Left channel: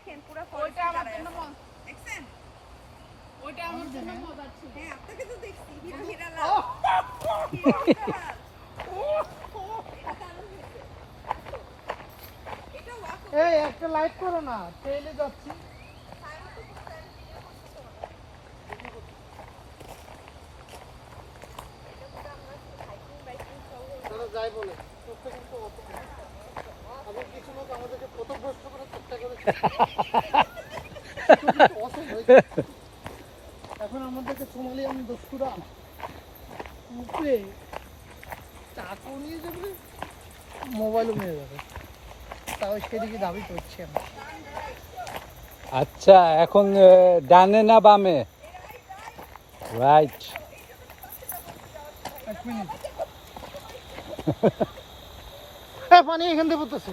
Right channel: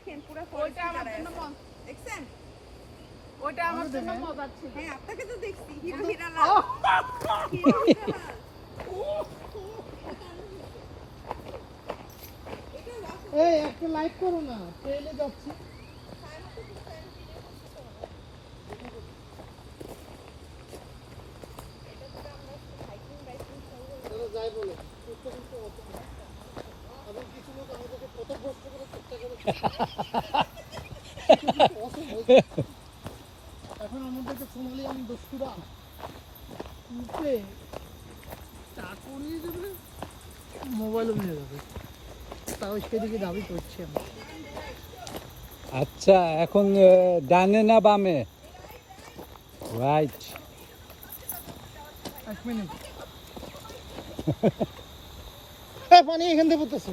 দেখেন পুরো ওইটা আমার জন্য দেখছেন, ওইটা আমার জন্য মজার ছিল। হ্যাঁ আপনাকে তো দেখছি হিরো হিরালাল, হিরো হিরালাল। এটা ওয়াক এই একটা লাইট করো না, ট্রেনে যাচ্ছি। যাই বলে এবং কিছু লোক আমাদেরকে পথভ্রষ্ট করার চেষ্টা করেছে। এখন আমাদেরকে সোমালিয়ান দস্যুরা উপরে টাকা নিয়ে যাবে, মোবাইলও নিয়ে যাবে, তাও সেদিকে দাবি করছি আমি। আচ্ছা এখন ডানে না বামে? রাইট। এক মিনিট। হ্যাঁ পানি এখান থেকে পড়তেছে।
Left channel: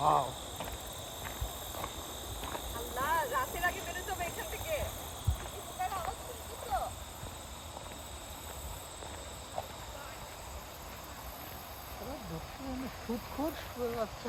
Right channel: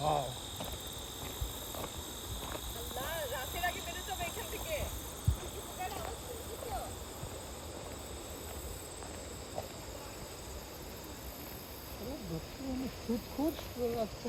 Wow. ফুট ফুট যাচ্ছে।